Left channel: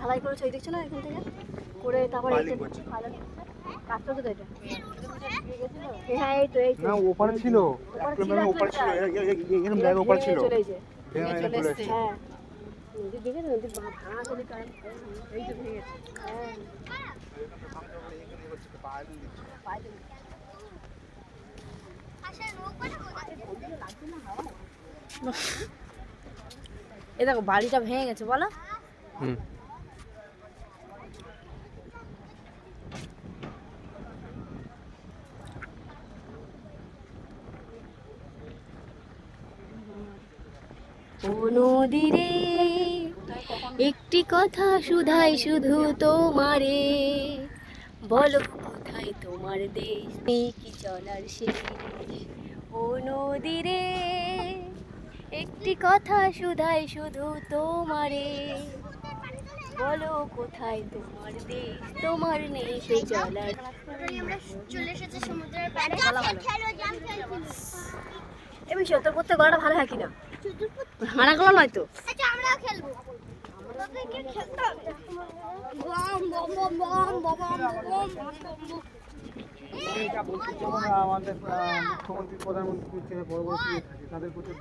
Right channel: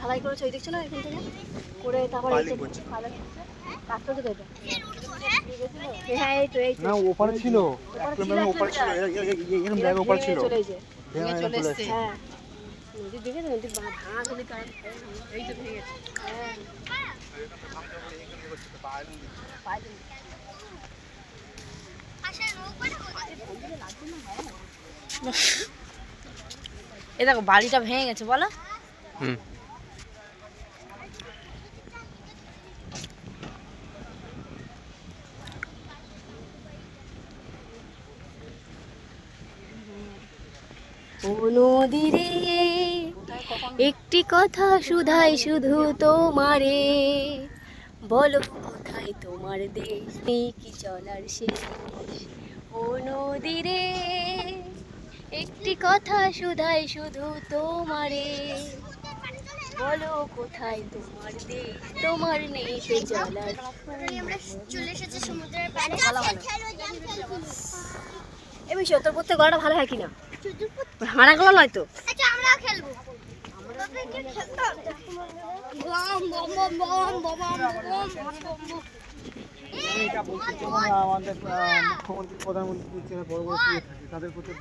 ঢালাই করেছে ওই দেখছো না এখান থেকে করে তারপরে ওপারে ছিল এ দেখো বাড়িটা ভেঙে গেছে বলো। ও নদী রে একটি কথা শুধাই শুধু তোমারে, বলো কোথায় তোমার দেশ নেই কি চলার শেষ। ও নদী রে একটি কথা শুধাই শুধু তোমারে, বলো কোথায় তোমার দেশ তোমার নেই কি চলার। এমনি সত্তর করতে গড়া ভালো হয় কিনা হারা গলা নয় তো। আচ্ছা আমরা খেলবো, আমরা খেলতাম বম বম বম বম বম বম। এটা বলছি তোমরা আমাদের মুখ্যমন্ত্রী প্রধানমন্ত্রী তাদের প্রতি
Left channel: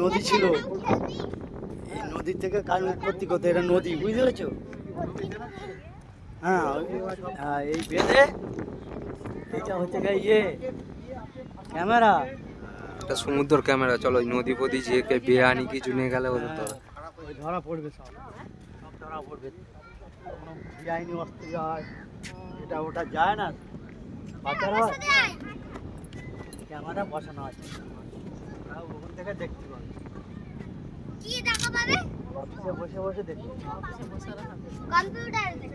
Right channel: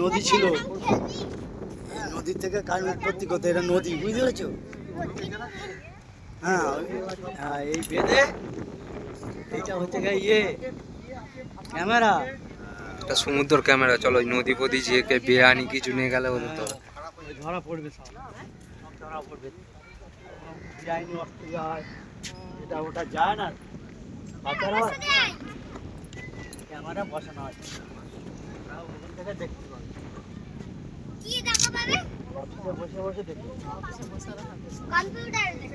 নদী ছিল, নদীর থেকে কার উৎপত্তি করতে, এটা নদী বুঝতে পেরেছো? হ্যাঁ হ্যাঁ এই বেঁধে এইটা হচ্ছে ইয়ে ক্যামেরা, একটা সমুদ্র ক্যামেরা। চলো নদী ফদি যে বেআইনি কিছু নিয়ে গেলে ওদের তো ধরা পড়বে, সব ধরা পড়বে। বেআইনি অস্ত্র যায় এটা ওটা যায় না, বাচ্চারা হয় ক্যামেরা বসানো আছে, ওখান থেকে দেখতে পাবে। কি দেখা পাবে? বসে বসে দেখতে কম্পিউটার আছে।